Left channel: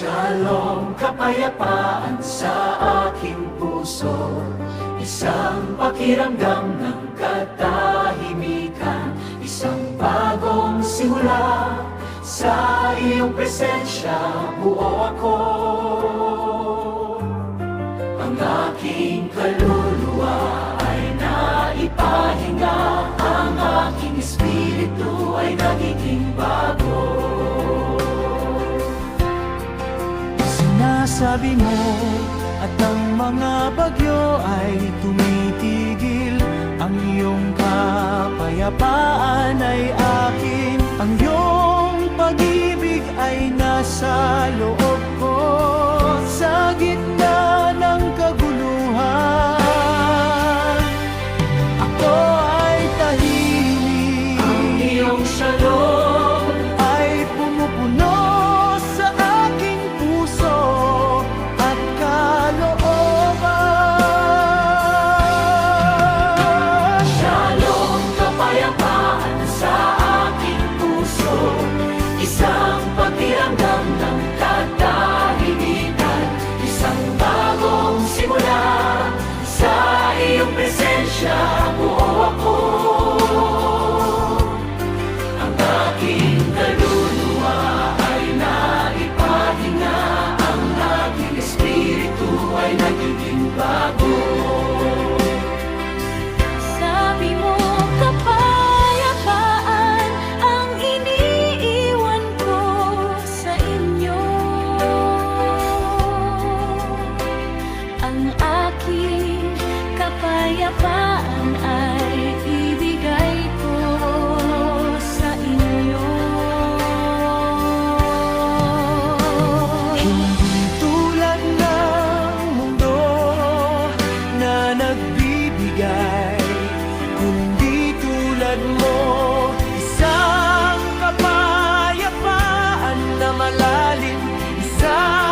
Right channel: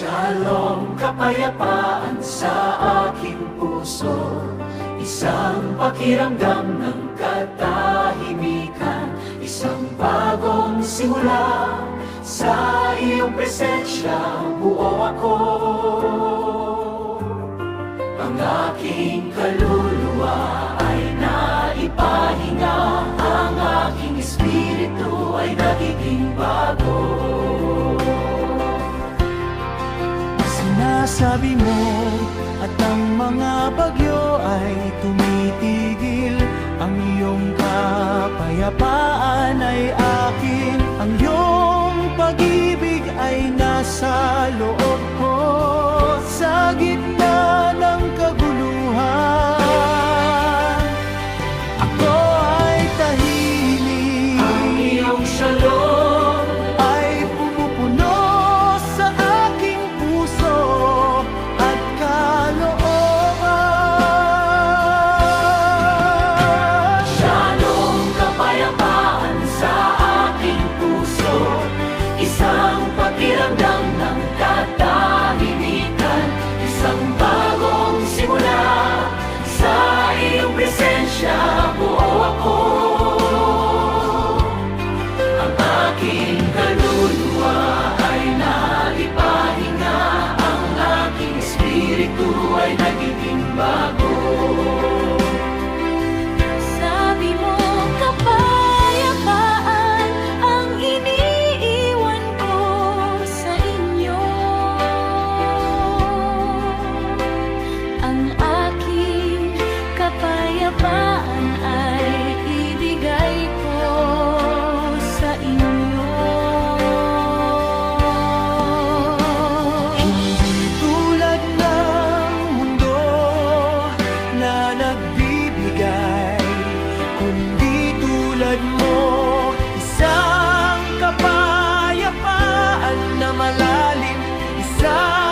Shalom, kapayapaan sa aking puso. Isang pakiramdam ng katahimikan. Isang bagong simula. Sa iyong presensya buo ako. Ang aking kaluluwa ay naipahinga. Ang aking espiritu ay nagiging bago Sinasabi mo at ang mga bagyo ay tumitigil. Ang iyong kapayapaan ay akin. Ang iyong pag-ibig ay nasa loob ko. Sa gitna Isang bagong simula Sa iyong presensya buo ako. Ang aking kaluluwa ay naipahinga. Ang aking espiritu ay nagiging bago kapayapaan ay ibigay ko sa inyo? Hindi tulad ng mundo na nagbibigay Kundi tulad mo Isang kapayapaan na malalim Isang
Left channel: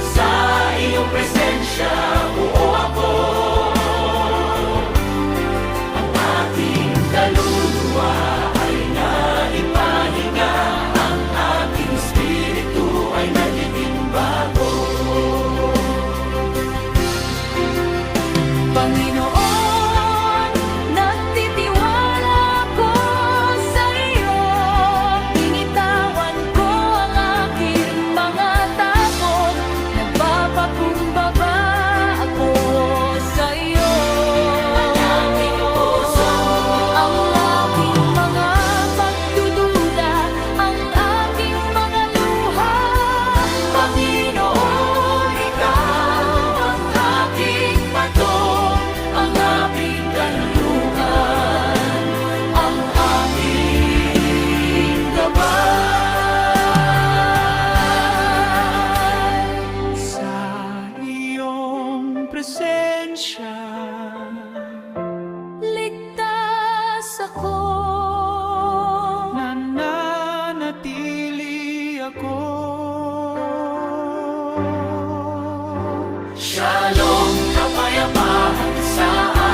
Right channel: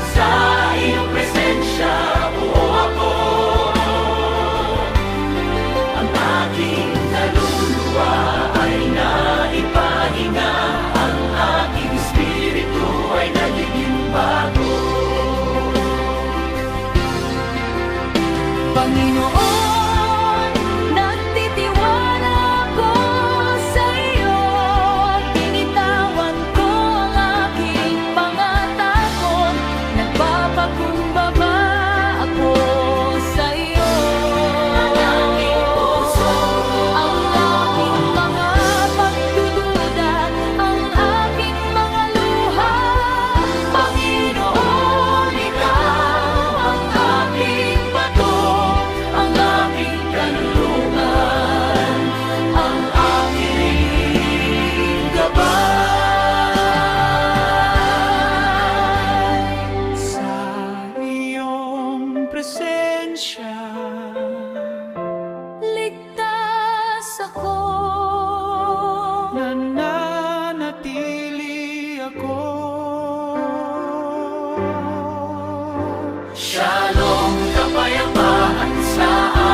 sa iyong presensya. Buo ako ang aking kaluluwa ay naipahinga Ang aking espiritu ay nagiging bago Panginoon, gabay sa iyong presensya Ligtas ako. nananatili ako. Shalom, kapayapaan sa aking